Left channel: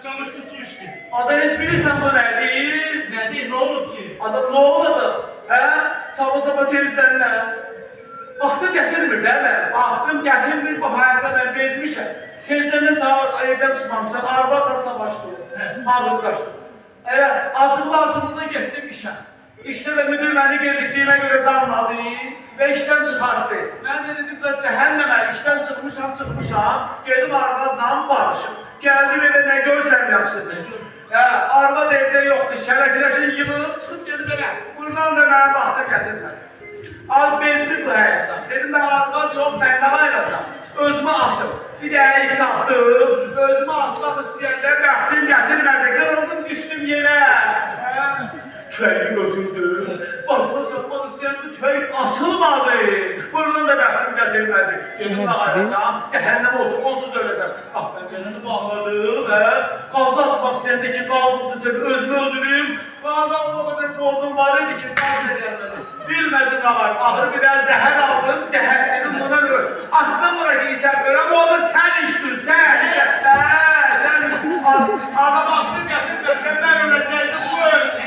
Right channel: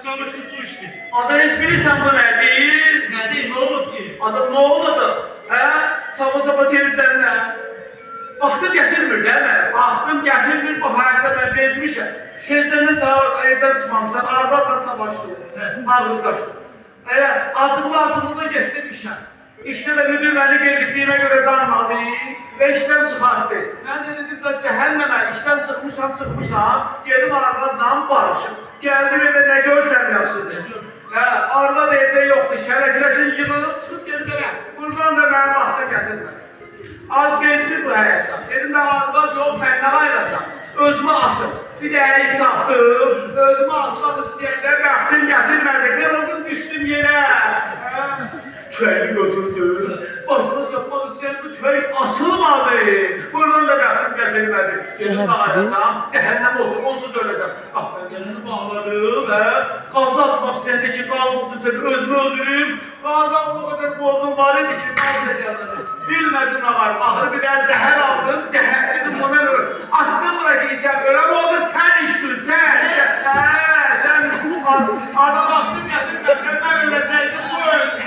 susamışdım, su içtim. Adı heç bilirsən bu nədir? Nedir, ne olub ki? Adı ne oldu? Hə? Sabah temizlənlə. Vaxtım gətirmir değil mi? Vaxtım gətirmir, bu hayatta ben bezmişim. Tezləndən sağ evdən çıxmamışlar, arvadla savaşdım. Ağız qaçdım. Evet, acıqlı getdim işə. İşte de müdür beni geciktiğime göre darmadı ve işten çıkarttı. Ben de dedim de cehenneme işten çıkmışam. Geldim arvadla barışım. Geldim evde ne görsem yaxşıdır. Arvad evde yoktu. Şərəkləşin yığılıb çıxıp geldim eve. Bundan da bana vaxta gətirmə. Az bezdir bu həyatdan. Dedim de arvad yok, ben ne ayıracağım. Özümü asım. Bir de ip taktım. Özümü asmak istəyəndə bəxtim gətirmədi. Kırıldım, düştüm yere. Tüfeği götürdü. Başıma çapmak istəyəndə tüfeği asılmadı. Buradan da bəxtim gətirmədi. Səhər tibi. Cəhənnəm olsun, onsuz öləcəm. Afəqənini bağladım və qazı asmaq istəyəndə ki, qaldı özünü öldürüm. Qazan o kadar bozum var idi ki, qazı gəlmədi. Bilmədim nə var, ahır bir dənə zəhər aldım, zəhər dedim ona ölür. Attım bura ki, içəm, öləm oldu, sən içdin, sən. Sən adam astım gətirmədin, mən öləcəkdim, bu öldü.